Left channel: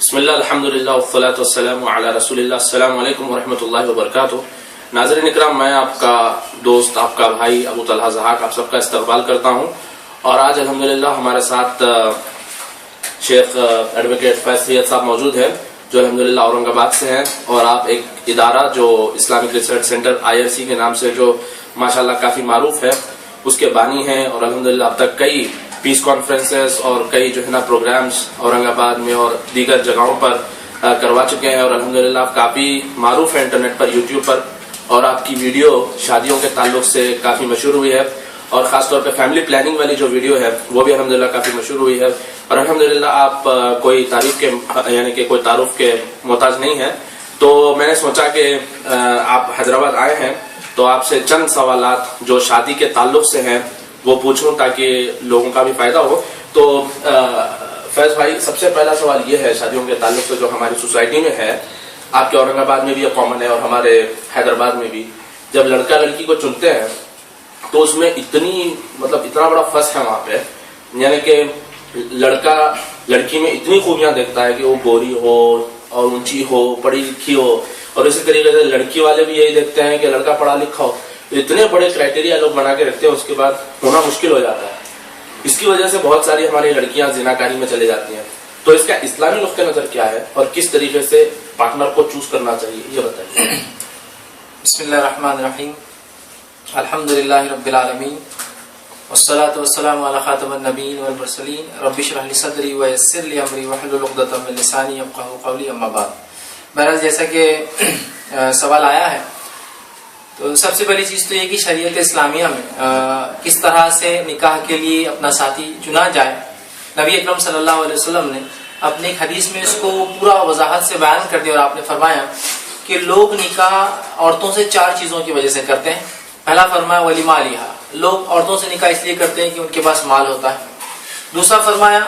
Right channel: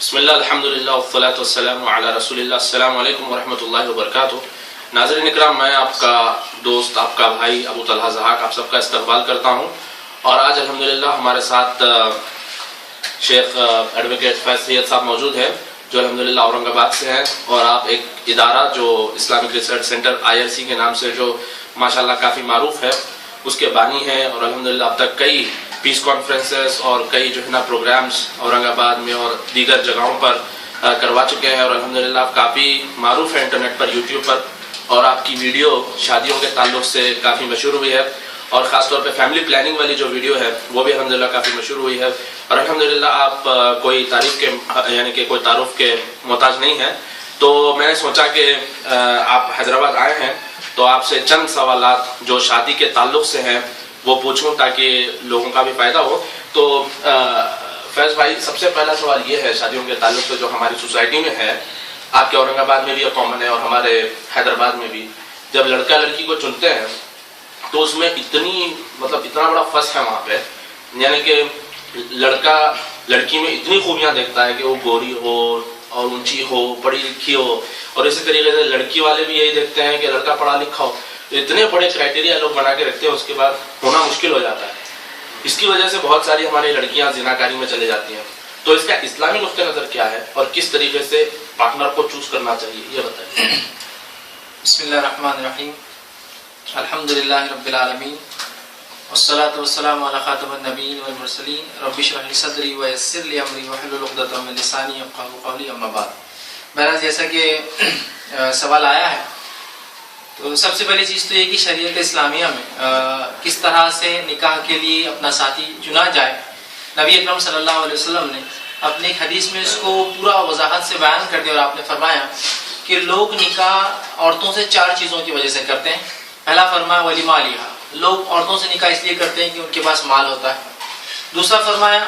بسم اللہ الحمدللہ والصلاة والسلام علی رسول اللہ. السلام علیکم ورحمۃ اللہ وبرکاتہ. ناظرین اکرام، میں آپ کا دوست، آپ کا بھائی ابو طلحہ ضحاک آپ سب کا استقبال کرتا ہوں. اور آج الحمدللہ ہمارے ساتھ شیخ ایڈوکیٹ فیض سید صاحب موجود ہیں، جو الحمدللہ اورنگ آباد سے ہیں. اور آپ ایک ادارہ جو اسلامک ریسرچ سینٹر IRC کے نام سے جو ماشاءاللہ کافی معروف ہے، اس کے بانی ہیں. اور الحمدللہ اب تک کئی پیس کانفرنسز اور کئی جو ہے نا پروگرامز اورنگ آباد میں اور دیگر جگہوں پر کروا چکے ہیں. اور الحمدللہ آپ کافی معروف ہے انٹرنیٹ پر، یوٹیوب پر. اور آپ کی ویڈیو شادیوں کے تعلق سے کافی مشہور ہوئی ہے، اور خاص طور پہ فیملی پلاننگ والی جو ویڈیو ہے وہ بھی الحمدللہ کافی مشہور ہوئی ہے. اور الحمدللہ آپ کوئی تعریف کے یعنی کہ کوئی تعارف کے محتاج نہیں ہیں. تو میں نے سوچا کہ آپ حیدرآباد آئے ہیں تو آپ سے چند سوالات جو شادی کے تعلق سے ہیں وہ پوچھوں تاکہ لوگوں کا بھی فائدہ ہو. تو فیض بھائی، سب سے پہلا سوال یہ ہے شادیوں کے تعلق سے جو ہماری سوسائٹی میں ہے، آپ کے اورنگ آباد میں بھی یہ کامن ہے اور ہمارے حیدرآباد میں بھی، جب لڑکا لڑکی کو چنتے ہیں تو اس میں اتنا بڑا فرق ہے وہاں پہ. یعنی کہ لڑکا لڑکی میں اتنی خوبیاں دیکھتا ہے کہ وہ گوری ہو اور اونچی ہو، پڑھی لکھی ہو. اور اسی طریقے سے لڑکی والے بھی یہی دیکھتے ہیں کہ لڑکا پڑھا لکھا ہو. اتنے بڑے کرائٹیریا لوگ بنا کے رکھتے ہیں، اس کے بعد ہونا مشکل ہو جاتا ہے. اس کی وجہ سے بہت ساری ہماری لڑکیاں زناکاری میں چلے جاتی ہیں. تو اس کا اسلامی نقطہ نظر کیا ہے اور کس طریقے سے پارٹنر کو چوز کرنا چاہیے، یہ بتائیے. بسم اللہ الرحمن الرحیم. الحمدللہ رب العالمین والصلاة والسلام علی خاتم النبیین والمرسلین. رب اشرح لی صدری ویسر لی امری واحلل عقدۃ من لسانی یفقهوا قولی. اما بعد. بہرحال جیسا کہ سوال آیا ہے، تو سب سے بڑی چیز تو یہ کہ شریعت اسلامیہ میں کس طرح سے نکاح کے لیے اپنا ساتھی چنا جائے. نبی اکرم صلی اللہ علیہ وسلم نے اپنی ایک حدیث میں اس کو پورا وضاحت سے بیان کر دیا، اور آپ نے فرمایا کہ لوگ نکاح عورتوں سے 4 چیزوں کی وجہ سے کرتے ہیں. پہلا فرمایا ولی مالیہا، لوگ عورتوں سے نکاح اس لیے کرتے ہیں کہ ان کے پاس مال ہوتا ہے. دوسرا فرمایا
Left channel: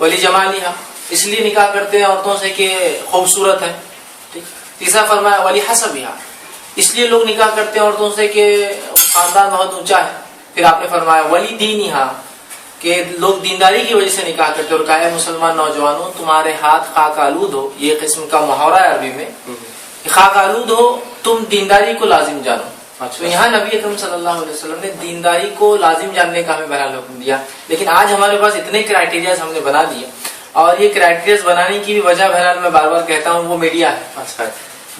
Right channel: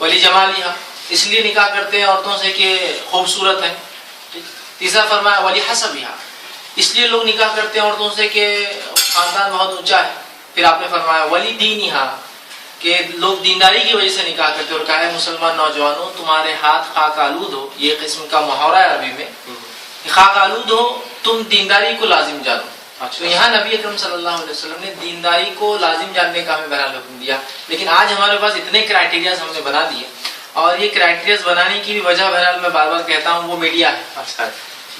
ولی جمالیہا، اس لیے نکاح کرتے ہیں عورتوں سے کہ خوبصورت ہیں. تیسرا فرمایا ولی حسبہا، اس لیے لوگ نکاح کرتے ہیں عورتوں سے کہ خاندان بہت اونچا ہے. پھر آپ نے فرمایا ولی دینہا، کہ لوگ دینداری کی وجہ سے نکاح کرتے ہیں. اور کہا ہے مسلمان نوجوانوں تمہارے ہاتھ خاک آلود ہو، یہ قسم کا محاورہ ہے عربی میں کہ خاک آلود ہو، تم دینداری کو لازم جانو. تو یہاں نبی اکرم صلی اللہ علیہ وسلم نے دینداری کو لازم جاننے کا ہمیں بہرحال حکم دیا. لیکن آج ہمارے پاس اتنے کرائٹیریاز ہم نے بنا دیے، اور یہ کرائٹیریاز بنانے کی بھی وجہ بہرحال میں بار بار کہتا ہوں وہ میڈیا ہے.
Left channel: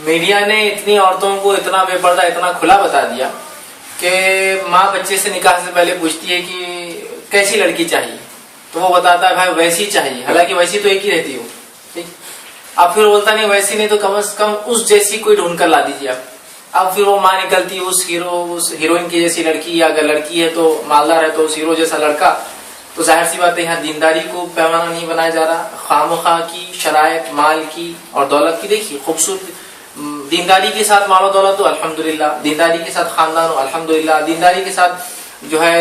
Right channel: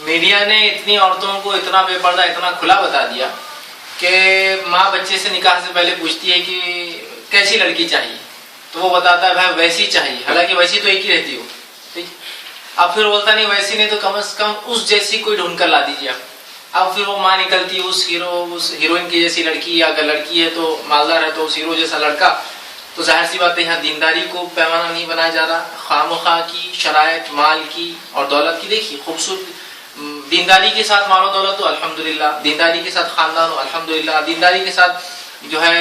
میڈیا نے اتنی عورتوں کو اتنا بے پردہ، اتنا کھلا بتا دیا کہ ماں بچے سے نکاح سے پہلے پوچھتی ہے کہ کیسی لڑکی چاہیے، تو وہ بتاتا ہے بھائی ویسی چاہیے، حالانکہ ویسی تو ایک ہی رہتی ہو. اب پھر بولتا نہیں ویسی نہیں تو کم از کم اس جیسی کوئی ڈھونڈ کر لا دیجیے آپ. اب پھر وہ ماں نکلتی اس ہیروئن کی جیسی لڑکی، یا اگر لڑکی ہے تو مالدار ہے تو اس ہیرو جیسا لڑکا. تو ظاہر سی بات ہے یہاں دینداری کو پیمانہ نہیں بنایا جا رہا، خواہ کی شرائط، مال کی اور دولت کی. دیکھیے خوبصورت دینداری کے ساتھ مال و دولت ہو الحمدللہ، دینداری کے ساتھ خاندان ہو الحمدللہ، دینداری کے ساتھ جو ہے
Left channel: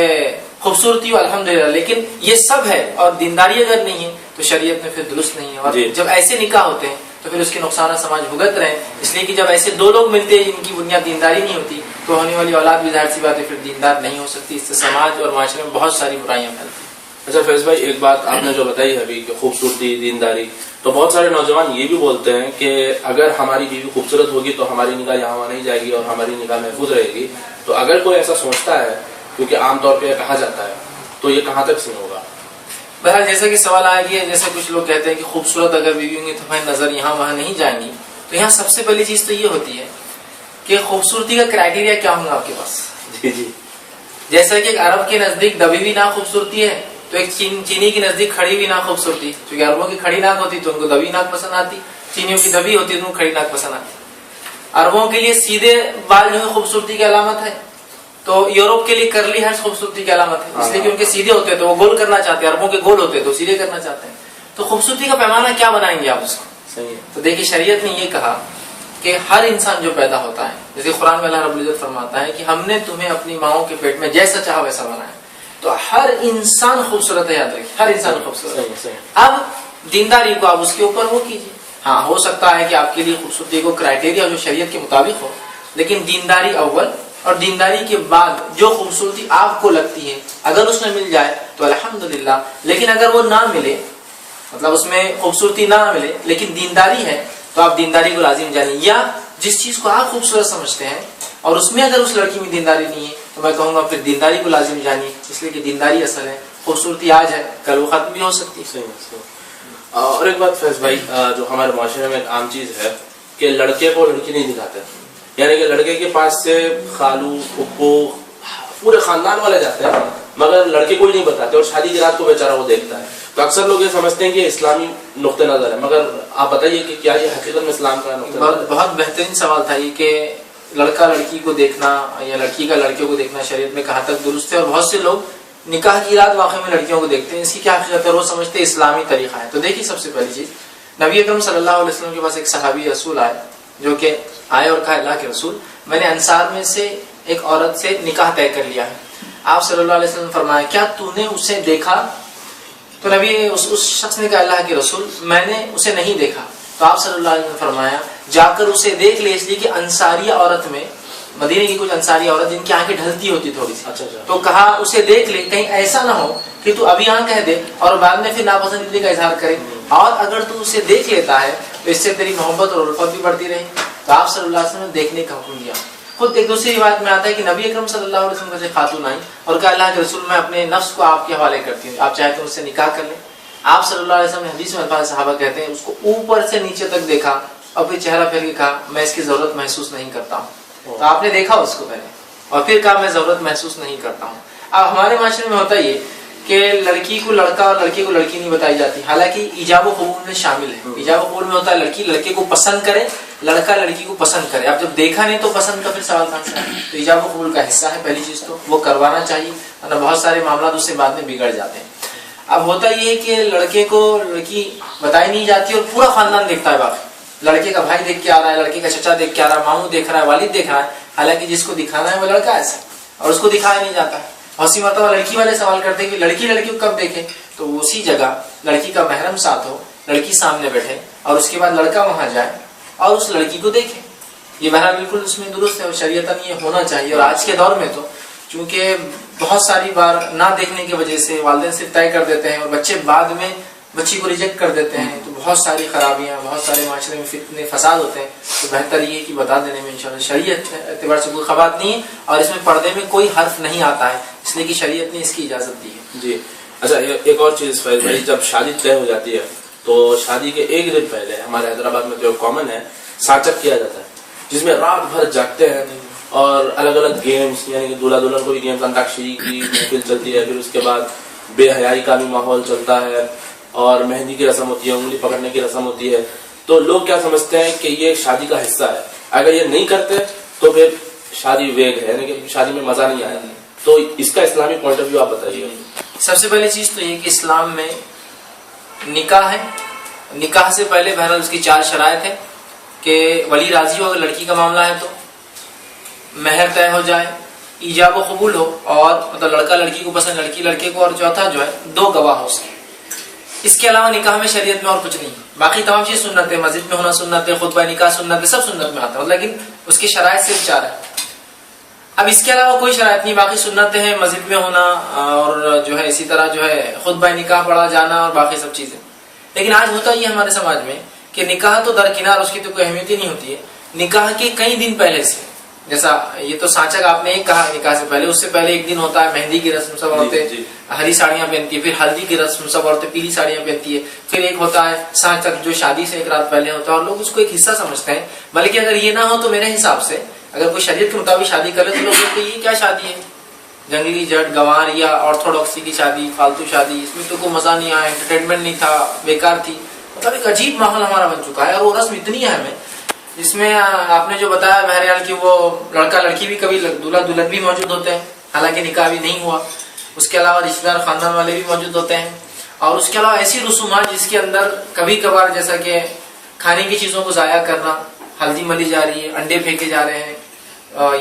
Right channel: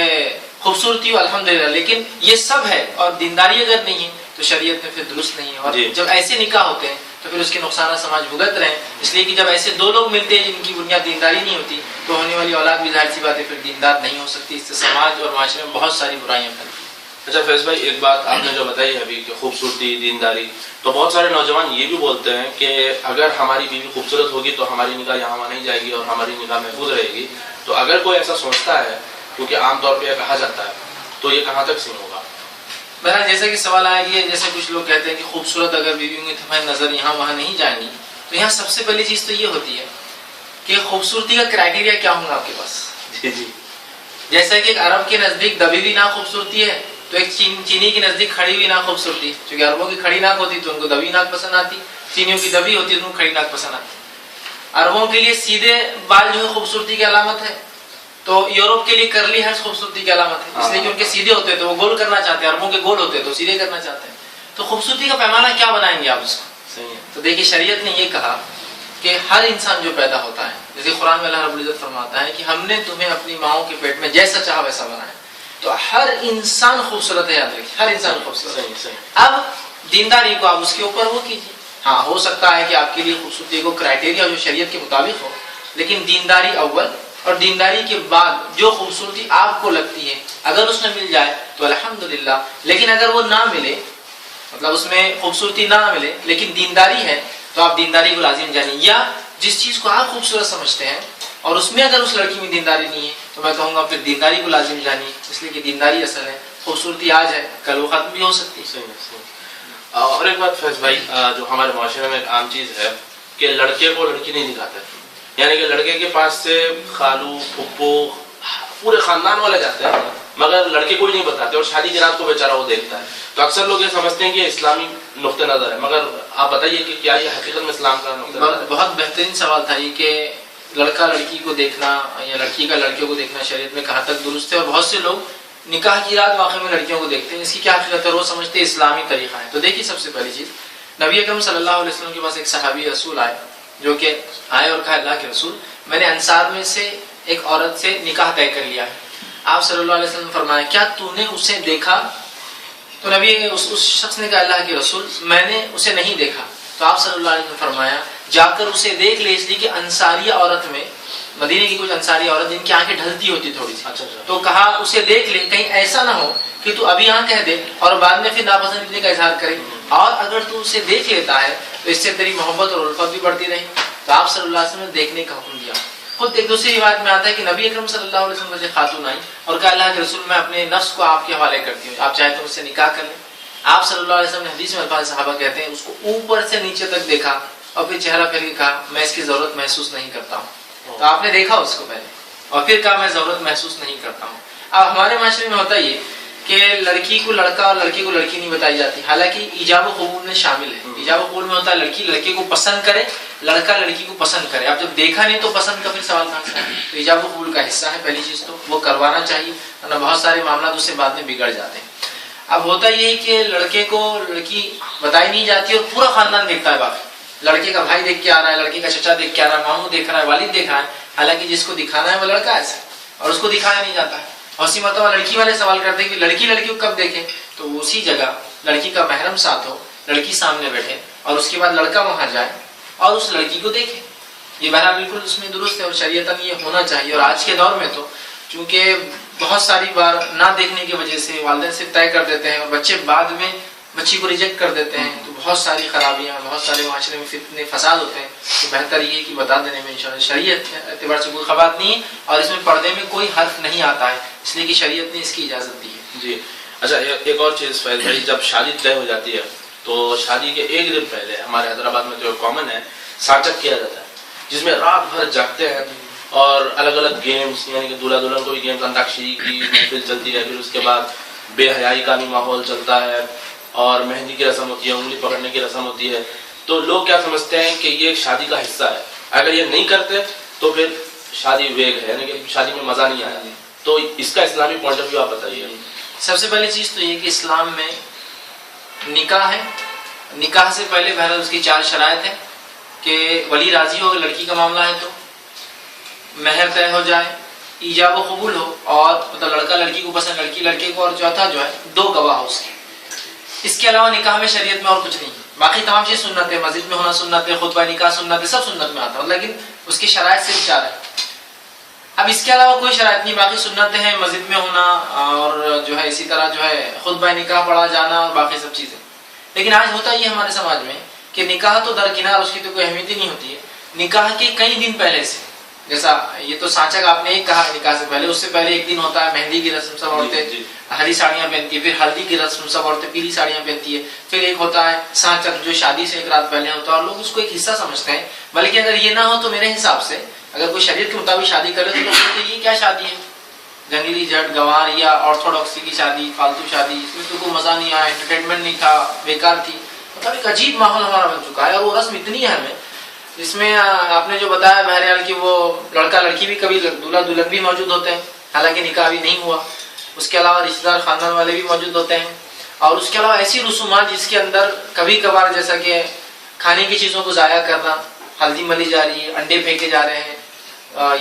خوبصورتی ہو الحمدللہ. لیکن یہ سب ہے اور دینداری اگر نہیں ہے تو شریعت میں پھر درست نہیں ہے. اور جب ایسے نکاح ہوتے ہیں تو پھر اس کے نقصانات سماج بھگت رہے ہیں. اس لیے کہ جب ایسے 2 لوگ ملتے ہیں جن کی بنیاد دینداری نہیں ہوتی تو ہونے والی اولاد بھی ظاہر سی بات ہے پھر دیندار نہیں ہو سکتی. اس سے سماج اور معاشرے میں بہت ساری برائیاں پھیلتی ہیں. اچھا فیض بھائی، ایک بات آپ نے جو بتائی ہے ابھی کہ خوبصورتی، دینداری، تو بہت سارے نوجوان یہ بھی بولتے ہیں کہ اگر ہماری بیوی خوبصورت ہوگی تو ہماری نگاہ یہاں وہاں نہیں جائے گی اور ہماری نگاہ محفوظ رہے گی. تو اگر کوئی ایسا سمجھتا ہے، کیونکہ عام طور پہ کہا جاتا ہے، تو یہ کہاں تک صحیح ہوگا؟ بہرحال جیسے کہ سوال آیا گیا، جیسے کچھ لوگ کہتے ہیں کہ خوبصورت اگر بیوی ہوں گی تو ہماری نظر یہاں وہاں نہیں جائیں گی. تو یہاں سب سے پہلی چیز تو یہ ہوتی ہے کہ خوبصورتی کا کرائٹیریا کیا ہوگا آپ کے پاس. جی جیسے کہ عرب کے نزدیک دبی ہوئی ناک خوبصورتی ہے، تو ایک چینی کی نزدیک کھڑی ہوئی ناک خوبصورتی ہے. کیونکہ عربوں کی کھڑی ناک ہوتی تو ان کو دبی ناک پسند آتی، چینیوں کی دبی ہوتی تو ان کو کھڑی ناک پسند آتی. عربوں کے لیے سیدھے بال جو ہے خوبصورتی کی علامت ہے، تو یورپ کے لیے کرلی ہیئرز خوبصورتی کی علامت ہے. اس لیے کہ ان کے سیدھے ہوتے ہیں تو وہ گول کرنا چاہتے ہیں، عربوں کے گول ہوتے ہیں تو سیدھے کرنا چاہتے ہیں. تو خوبصورتی کا پیمانہ کیا بنائیں گے آپ اس کو؟ تو دیکھیے شریعت نے یہ کہا کہ ہر انسان جو پیدا ہوتا ہے، جیسے قرآن میں اللہ رب العزت فرماتا ہے کہ ہم نے تمہیں اپنی ماؤں کے پیٹ میں جیسا چاہا ویسا بنایا. تو ہر انسان خوبصورت ہے، یاد رکھیے ہر انسان خوبصورت ہے. اب دینداری کو آپ اس کے اوپر وہ کیجیے. ہاں ہو سکتا ہے کہ آپ کے لیے خوبصورتی کو کرائٹیریا جو شریعت کے مطابق ہو، لیکن دینداری اول، اور دینداری کے بعد جو خوبصورتی آپ کو لگتی ہے اگر اس میں مل جائے تو الحمدللہ. لیکن اگر وہ نہ ملے مطلب اس میں خوبصورتی نہ ملے لیکن دینداری ہے تو آپ دینداری کو لازم جانیں، یا جس چیز کو آپ خوبصورت سمجھتے ہیں اور اس میں اگر اس لڑکی میں دینداری نہیں ہے تو میں کہوں گا پھر دینداری کو لازم جانیے، اس لیے کہ دینداری اصل ہے، خوبصورتی آج ہے کل وہ ختم بھی ہو سکتی ہے۔ اور ایک بات فیض بھائی، جو ہمارے معاشرے میں ایک عام چیز ہے کہ لڑکے کو لڑکی نہیں دکھاتے، یعنی کہ لڑکے کے پاس سے خالو پھپھو پورے خاندان والے جاتے ہیں مگر لڑکے کو ہی نہیں بتاتے، اور شادی کی رات کو بیچارہ وہ دیکھتا ہے۔ تو اکثر لوگ یہ سمجھتے ہیں کہ اسلامی نقطہ نظر ہے، مگر آپ بتائیے کہ کیا یہ حقیقت میں اسلام کا نقطہ نظر ہے؟ بہت بہترین سوال تھا یہ کہ لڑکا لڑکی کو دیکھنا یا لڑکی کا لڑکے کو دیکھنا شریعت میں کہاں تک درست ہے، اور بہت سے لوگ نکاح کی رات واقعی میں لڑکیوں کو دیکھتے ہیں، اس کی کیا حقیقت ہے وہ سمجھتے ہیں اسلامی طریقہ ہے۔ تو دیکھیے سب سے پہلی چیز، نبی اکرم صلی اللہ علیہ وسلم کے پاس ایک صحابی رسول آئے جو کہ آئے اور کہا اللہ کے رسول میں نے انصار میں سے ایک عورت سے نکاح طے کر لیا ہے۔ آپ صلی اللہ علیہ وسلم نے فرمایا کیا تو نے اسے دیکھا؟ تو نبی اس شخص نے کہا اللہ کے رسول میں نے اسے نہیں دیکھا۔ تو آپ صلی اللہ علیہ وسلم نے فرمایا جا کر اسے دیکھ لے، اس لیے کہ انصاری عورت میں مدینے کی کچھ انصاری عورت جن کی آنکھیں ڈھلتی ہوتی تھوڑی سی، تو کہا اسے دیکھ لے، کہیں ایسا نہ ہو کہ تو ابھی ہاں کہہ دے اور بعد میں پھر ناپسندیدگی کا اظہار کرے، اور اگر تو اسے دیکھ لیتا ہے تو اس سے تیری محبت اور الفت بھی بڑھتی رہے۔ تو آپ صلی اللہ علیہ وسلم نے دیکھنے کا حکم دیا۔ خود ایک دوسری روایت میں آتا ہے کہ نبی اکرم صلی اللہ علیہ وسلم سے خاتون آئی اور کہا اللہ کے رسول میں اپنے نفس کو آپ کے حوالے کرتی ہوں، آپ چاہے تو مجھ سے نکاح کر لیں۔ آپ صلی اللہ علیہ وسلم نے حدیث میں الفاظ صحابہ کہتے ہیں اس کو اوپر سے نیچے تک دیکھا اور پھر چہرہ پھیر کے کہا میں اس کی ضرورت محسوس نہیں کرتا ہوں۔ تو آپ نے دیکھا اس کو پہلے اور پھر کہا میں ضرورت محسوس نہیں کرتا ہوں۔ اب ہمارے معاشرے میں ہوتا یہ کہ لڑکی کو لڑکا اور لڑکے کو لڑکی نہیں بتائی جاتی، حالانکہ ایجاب و قبول میں شامل ہے۔ ایجاب و قبول میں ہوتا ہے لڑکی لڑکے کو پسند کرے، لڑکا لڑکی کو پسند کرے۔ اب جب دیکھا نہیں تو پسند کا پھر سوال کہاں سے؟ تو ایجاب و قبول کا حصہ ہے پہلی چیز، تو وہ کروانا چاہیے، ورنہ بہت سارے معاملات اس سے بعد میں بگڑ جاتے ہیں۔ اب ہوتا یہ ہے کہ لڑکے کو لڑکی بتائی نہیں جاتی اور پورا خاندان دیکھتا ہے، باقی لڑکے کا بھائی دیکھ کے آ رہا ہے، لڑکے کا چچا دیکھ کے آ رہا ہے، ماموں دیکھ رہا ہے، والد دیکھ رہا ہے، حالانکہ جس کو دکھانا ہے وہ لڑکا ایسا اور اس کو دکھایا نہیں جاتا ہے۔ اسی مرتبہ لڑکی والے سوال کرتے ہیں کہ لڑکی لڑکی کو کب دیکھے؟ تو اسی جگہ لڑکی کا محرم ساتھ ہو، لڑکی سامنے بیٹھے اور اس کے بعد لڑکا وہاں جائے اور اس لڑکی کو دیکھے۔ یہ بہرحال بالکل اس میں درست ہے اور شریعتاً یہ ہونا چاہیے۔ اور آج کے دور میں تو چونکہ بہت ساری بار نہ دیکھنے کی وجہ سے والدین سے طے کر دیتے ہیں اور بچے بعد میں بچی کو ریجیکٹ کر دیتے ہیں، تو بہت ساری خرابیاں، بہت سارے معاشرے میں فتنے فساد ہوتے ہیں۔ تو بہتر یہ ہے کہ بتا دینے میں انشاءاللہ شریعت اعتبار سے کوئی خبات نہیں ہے اور اس میں پردے میں کوئی حرف نہیں آتا ہے، اس لیے کہ شریعت نے اس کی اجازت دی ہے۔ جی اچھا، ایک اور چیز فیض بھائی، جب شادی طے ہو جاتی ہے تو شادی کے ایک دن پہلے ہمارے حیدرآباد میں تو کامن ہے سانچک کیا جاتا ہے، جس میں رات بھر جاگتے ہیں اور الگ الگ گیمز، یعنی کہ دولہا دلہن کو بھی گیمز، انتاکشری کی محفل چلتی ہے، پھر اس کے بعد بے حیائی کا بھی ماحول چلتا ہے اور مہندی کی رسم ہوتی ہے، انگلی پکڑنے کی رسم ہوتی ہے۔ تو لوگ کیا سمجھتے ہیں کہ یہ شادی کا حصہ ہے، اگر یہ نہیں کرتے تو پھر شادی ویگ ہے، یعنی کہ شادی میں مزہ نہیں آیا۔ تو اس کا اسلامی پوائنٹ آف ویو آپ بتائیے۔ سب سے پہلی چیز تو یہ کہ اسلام میں نکاح ہے، نکاح سے پہلے بہرحال اس کی 4 شرائط ہیں کہ ولی راضی ہو، اگر لڑکی کا معاملہ ہے تو مہر طے ہو جائے، ایجاب و قبول ہو، اور مطلب لڑکا لڑکی کو پسند، لڑکی لڑکے کو، اور چوتھا جو ہے 2 گواہ ہو اس کے۔ اس کے علاوہ نکاح میں شریعت میں اور کچھ نہیں ہے، باقی تمام چیز سنت ہے، مسجد میں ہونا سنت ہے، خطبہ نکاح سنت ہے، سب سنت میں آتا ہے، لیکن اس کی شرائط صرف 4 ہے۔ اب اس کے علاوہ کوئی شرائط نہیں، باقی سنتیں ہیں، مسجد میں ہونا اور جو ہے اسی طرح جو ہے خطبہ نکاح پڑھا جانا اور باقی سب چیزیں۔ لیکن آج ہوتا یہ ہمارے سماج میں کہ نکاح تو درکنار، اس کی تو کوئی اہمیت ہی نہیں ہوتی ہے، نکاح کے کئی دن پہلے سے، جیسا یہ تو سانچک آپ نے ایک کہا نکاح سے پہلے، اس سے پہلے ایک دن ہوتا ہے مہندی کی رسم، سب عورتیں ہری ساڑیاں پہنتی ہے، پھر ہلدی کی رسم، سب عورتیں پیلی ساڑیاں پہنتی ہے، پھر ایک ہوتا ہے سانچک جو شادی سے ایک رات پہلے ہوتا ہے، اور لوگ اس کو ایک حصہ سمجھتے ہیں۔ بلکہ اگر یہ نہ ہو تو میرے حساب سے اگر کوئی شریعت کے مطابق شادی کرے تو لوگ کہتے ہیں یہ کیا شادی ہے، جنگلی جٹ گوار یا آرتھوڈاکسی کی شادی، فالتو شادی، اس میں تو کوئی مزہ نہیں آیا، انٹرٹینمنٹ نہیں تھا، بیکار تھی۔ مطلب ایک عجیب ماحول ہمارا بن چکا ہے، اور وہ رسم اتنی ہے ہمیں، جس میں آپ نے جو بتایا بہرحال کہ وہ لڑکا لڑکی بھی کبھی دولہا دلہن بھی موجود ہوتے ہیں، حالانکہ نکاح بھی نہیں ہوا، اس کے علاوہ رشتہ دار خاندان والے بھی موجود ہوتے ہیں، اور اس کے علاوہ ایسی رسومات جس کے اندر کبھی کبھار جیسا کہ کھانے کی چیزوں کو ضائع کرنا، ہلدی ملی جا رہی ہے، انڈے پھینکے جا رہے ہیں،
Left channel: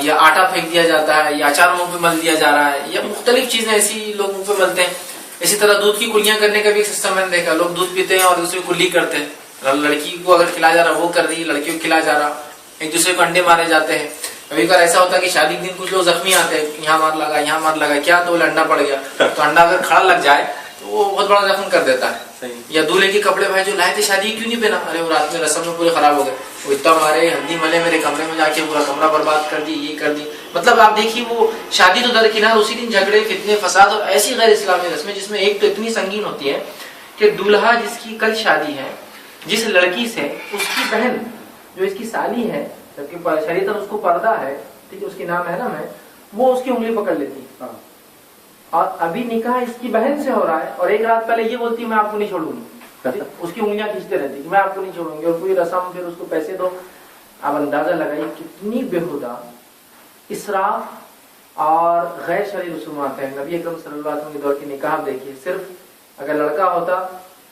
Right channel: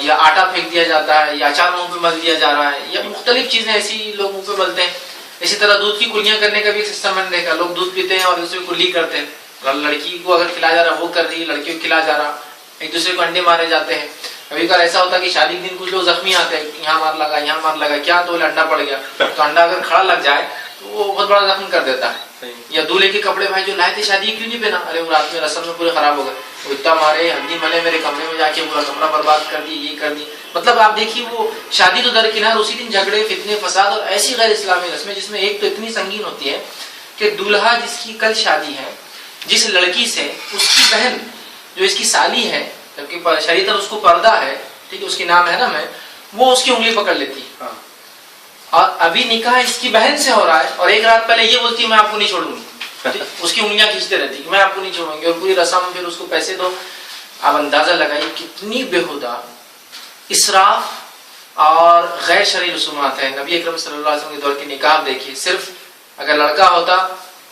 یا آٹا پھینک دیا جاتا ہے، یا اچار منہ پہ مل دیا جا رہا ہے، یا مختلف چیزیں ایسی لوگ منہ پہ ملتے ہیں۔ اسی طرح دودھ کی کلیاں کرنے کا بھی ایک سسٹم میں نے دیکھا، لوگ دودھ پیتے ہیں اور دوسرے کو کلی کرتے ہیں، لڑکی کو اگر کھلایا جا رہا وہ کر رہی، لڑکی کو کھلا جا رہا، ایک دوسرے کو انڈے مارے جاتے ہیں۔ ابھی کل ایسا ہوتا ہے کہ شادی کے دن کچھ لوگ زخمی آتے ہیں، یہاں مار لگا یہاں مار لگا، کیا تو انڈا پڑ گیا، تو انڈا اگر کھڑا لگ جائے تو وہ بہت بڑا زخم کر دیتا ہے. یا دولہے کے کپڑے بھائی جو لائے تھے شادی کیوں نہیں پہنا, ارے وہ رات میں رسم میں پورے خراب ہو گئے, وہ اتنا مارے ہڈی ملے میرے کمرے میں جا کے پورا کمرہ برباد کر دی, یہ کر دی. مطلب آپ دیکھیے وہ شادی تو درکنار, اسی دن جھگڑے فتنے فساد اور ایسی غیر اسلامی رسمیں جس میں ایک تو اتنی سنگین ہوتی ہے کہ دولہا جس کی کل شادی ہے, جس لڑکی سے اس کی بہن جو اس کی سالی ہے, جبکہ شریعت اس کو پردہ ہے, ٹھیک ہے, اس کی نام محرم ہے, وہ اس کی انگلی پکڑ لیتی ہے. اور ابھی نکاح اس کی بہن سے ہو رہا ہے اور ایک رات پہلے یہ بولتی ہے میں آپ کو نہیں چھوڑوں گی, اس کی انگلیاں کھینچتے رہتی کہ میں آپ کو نہیں چھوڑوں گی, اور پوری رسم پھر اس کو پیسے دو. آپ اندازہ لگائیے کتنی بےہودہ اسراف اور غیر شرعی رسومات ہیں. نبی اکرم صلی اللہ علیہ وسلم کے دور کے نکاح دیکھیے, صرف اگر لڑکا ہوتا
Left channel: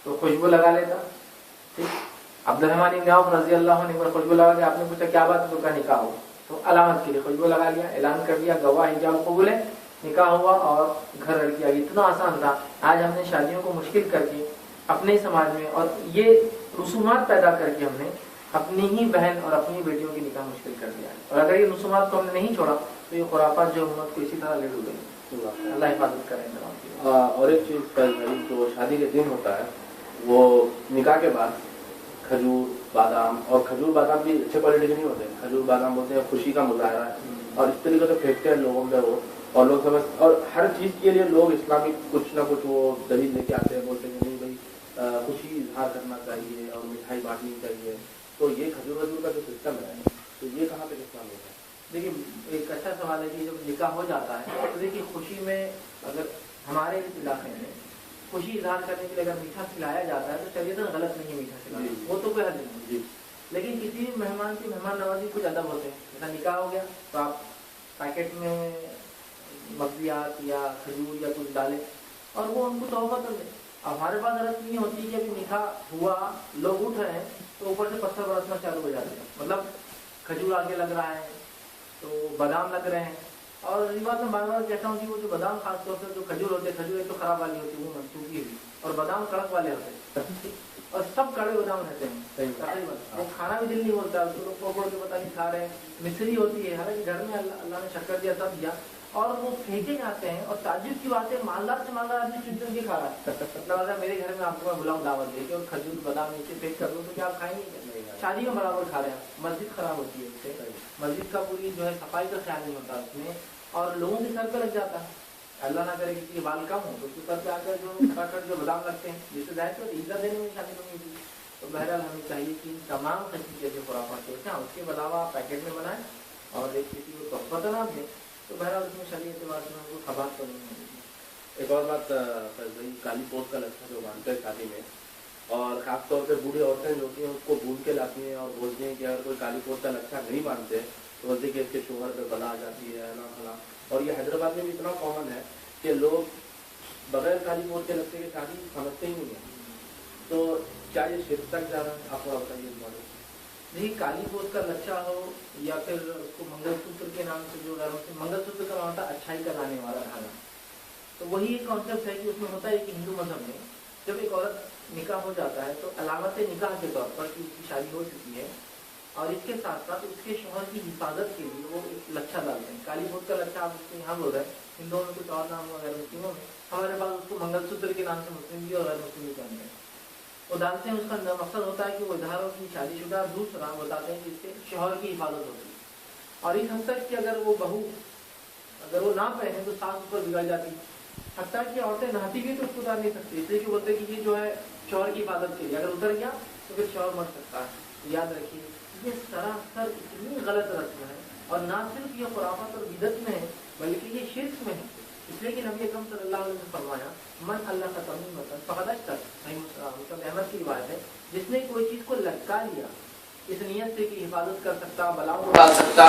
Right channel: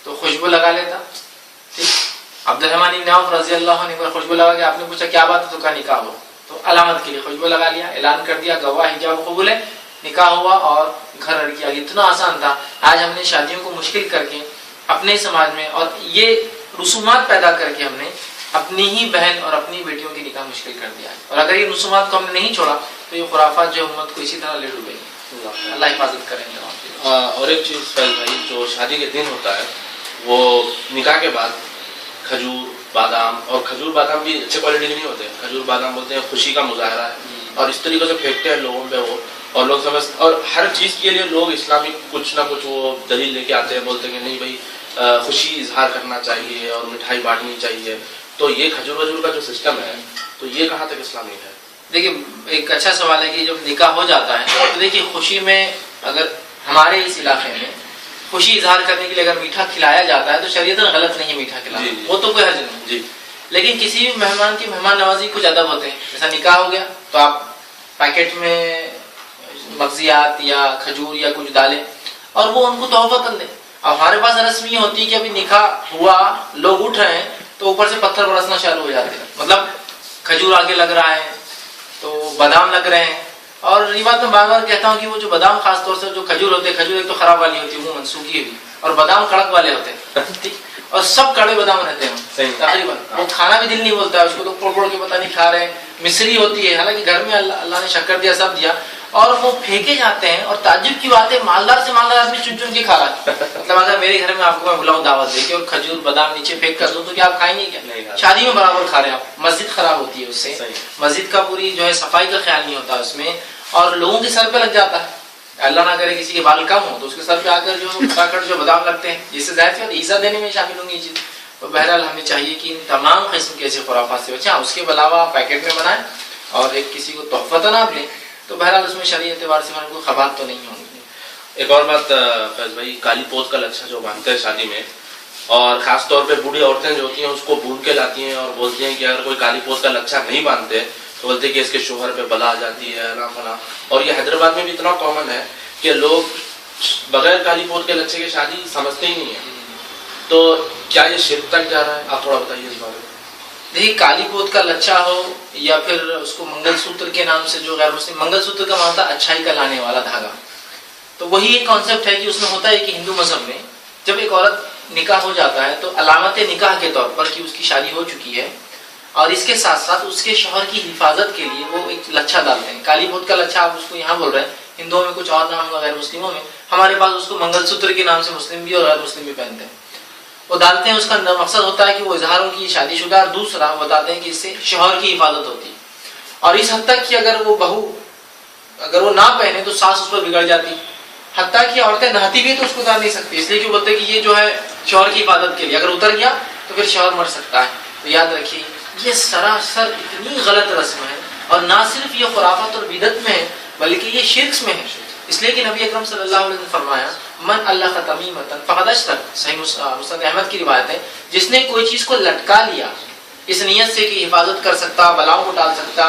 تو خوشبو لگا لیتا, ٹھیک, عبد الرحمن بن عوف رضی اللہ عنہ پر خوشبو لگا کے آپ نے پوچھا کیا بات ہے, تو کہا نکاح ہوا, تو علامت کے لیے خوشبو لگا لیا, اعلان کر دیا, گواہ حجاب قبول ہے, نکاح ہوا اور گھر لڑکی آ گئی. اتنا آسان تھا. آج ہم نے شادیوں کو مشکل کر کے اپنے سماج میں اور یہ رسومات پیدا کر کے ہم نے اپنی ہی بہن اور اپنی بیٹیوں کی نکاح مشکل کر دیا ہے. اور اگر یہ رسومات کو ہم نے نہیں چھوڑا تو یہ خرافات جو امت کو اسی طرح لے ڈوبے گی. اللہ حفاظت کریں گے. اور ایک چیز فیض بھائی, جو شادی کے دن ہوتا ہے وہ نکاح کے بعد کھجور بادام, اور کھجور بادام بھی اچھے کوالٹی کے نہیں ہوتے, کھجور بادام بولتے ہیں خوشی کا مظاہرہ ہے, اور اس طریقے سے پھینکتے ہیں لوگوں پہ وہ, اور لوگ سمجھ, اور ہر چیز کے لیے لوگ اسلامی کچھ نہ کچھ وہ دلیل لے کے آتے ہیں, بولتے ہیں کہ نہیں بھائی خوشی اظہار کرنا چاہیے اور مٹھائی بانٹنی چاہیے. تو یہ کھجور وجور کا جو سسٹم ہے تو یہ کہاں تک اسلامی ہے؟ دیکھیے ایک اچھا سوال ہے کہ جب نکاح ہو جاتا ہے تو دیکھیے خوشی میں اگر ہمارے اس علاقے میں خوشی اظہار کرنے کے لیے اگر میٹھا کھلایا جاتا ہے تو شریعتاً غلط نہیں میٹھا کھلانا, وہ تو کوئی حرج نہیں. جی, لیکن کسی بھی مہمان کی مہمان نوازی کچھ ادب ہوتے ہیں. جیسا نکاح ہو گیا تو آپ پیکٹ میں مغزیات یا کھجور یا کچھ ڈالیں اور وہ ان کو تحفہ کر دیں. اب ہمارے پاس رسم یہ ہوتی ہے کہ ابھی نکاح ہوا, لوگ اٹھ رہے ہیں تو اوپر سے پتھر برسنا شروع ہو جاتے ہیں. مطلب کھجور آگے لگ رہا ہے تو بادام لگ رہے ہیں, اور یہ بات میں بار بار کہتا ہوں کہ وہ جو بادام خاص طور سے جو کھجور ہوتے ہیں, کھجور ایک تو خراب والی ہوتی ہے وہ منسوخی ہوئی, اور بادام کڑک والے ہوتے ہیں, اور سب کڑے بادام رہتے ہیں تقریباً. وہ کھانا بھی دل نہیں بولتا ہے اس کو, تو پھوڑ پھوڑ کے پتہ نہیں کھا رہے ہیں. مصری ہوتی ہے, حالانکہ گھر میں اللہ نے شکر دیا سب دیا, اور وہ پھینکے جاتے ہیں. اور تعجب کی بات ہے مالدار سے مالدار آدمی چن چن کے کھا رہا ہے. مطلب اگر میرے گھر میں آپ کو میں بلاؤں دعوت دے کے اور کھجور بادام نیچے پھینک کر دوں تو کیا آپ کھائیں گے کیا؟ شادی میں برابر کھا رہے ہیں آپ. مسجد خراب ہوتی ہے اس سے, مسجد کا پوری جو ہے صفائی کا خیال نہیں ہوتا اس میں, اور لوگوں کے سر پہ لگ جاتا ہے. اللہ نہ کرے کسی کے بال کم ہو تو اس کے سر پہ آ کر جو کھٹاکھٹ جو بادام لگتے ہیں, جس سے ظاہر ہے عیسیٰ دینے میں شامل ہوں گی یہ چیز. تو بہرحال ہمیں چاہیے کہ ان تمام قسم کے ایسے خرافات سے بچیں. اس کے علاوہ پیکٹ میں بنائیں اور ایک کسی کو تحفہ آپ دیں تو بہرحال اس میں شرعی اعتبار سے ہمارے کوئی خبات تو نہیں ہوں گی. ایک اور بات فیض بھائی, کالی پوت کا لچھا جو باندھتے ہیں شادی میں, اور خاص طور پہ بوڑھی عورتیں جو ہوتی ہیں اس کو بھون کے لاتی ہیں اور بولتی ہیں کہ اگر کوئی کالی پوت کا لچھا نہیں باندھتے تو بولتے ہیں کہ اس کے شوہر پہ بلا آ جاتی ہے نا فلاں. اور یہ حیدرآباد میں بھی اتنا کامن ہے کہ لوگ بغیر کالی پوت کے لچھے کی شادی سمجھتے ہی نہیں ہیں. تو کیا یہ شرک تک جا رہا ہے؟ آپ تھوڑا بتائیے اس بارے میں. دیکھیے کالی پوت کا لچھا ہو یا پھر اس کو منگل سوتر کے نام سے جو غیر مسلم, منگل سوتر کا معنی اچھائی کا لانے والا دھاگا, تو وہی ایک کانسیپٹ ہے کہ اس میں ہوتا ہے کہ ہندو مذہب میں جب ایک عورت نکاح ہو جاتا ہے تو علامت نکاح کے طور پر کہ اس کی شادی ہو چکی ہے, اور اس کے ساتھ ساتھ اس کے شوہر کی حفاظت کے لیے وہ ایک لچھا ڈالتے ہیں. کالی پوت کا لچھا آپ اس کو یہاں بول رہے ہیں, ہندوؤں میں کچھ اور نام ہوگا غیر مسلموں میں, ہمارے پاس اس کو منگل سوتر کے نام سے مسلم بھی اور غیر مسلم بھی پہنتے ہیں. وہ ڈالتے ہیں, اس کا مقصد ہوتا ہے کہ وہ اظہاروں کی شادی شدہ, اور دوسرا بتاتے ہیں کہ اس سے شوہر کی حفاظت ہوتی ہے. اور اس حد تک کہ اگر وہ بہو اگر وہ نہ پہنے تو ساس اس پر بگڑ جاتی, حتیٰ کہ عورتیں نہاتی بھی تو اس کو اتار نہیں سکتی, اس لیے کہ بولتے ہیں کہ یہ جو ہے شوہر کی حفاظت کے لیے, اگر اتر گیا تو پھر شوہر مر سکتا ہے. تو یاد رکھیے یہ سراسر اتنی غلط رسم ہے, اور نہ صرف یہ خرافات اور بدعت میں ہے بلکہ یہ شرک میں ہے. اس لیے کہ نبی اکرم صلی اللہ علیہ وسلم نے فرمایا من اللہ تمیمۃ فقد اشرک, صحیح مسند احمد کی روایت ہے, جس نے کوئی چیز کو لٹکا لیا اس نیت سے کہ حفاظت کر سکتا, بلاؤں کو ڈال سکتا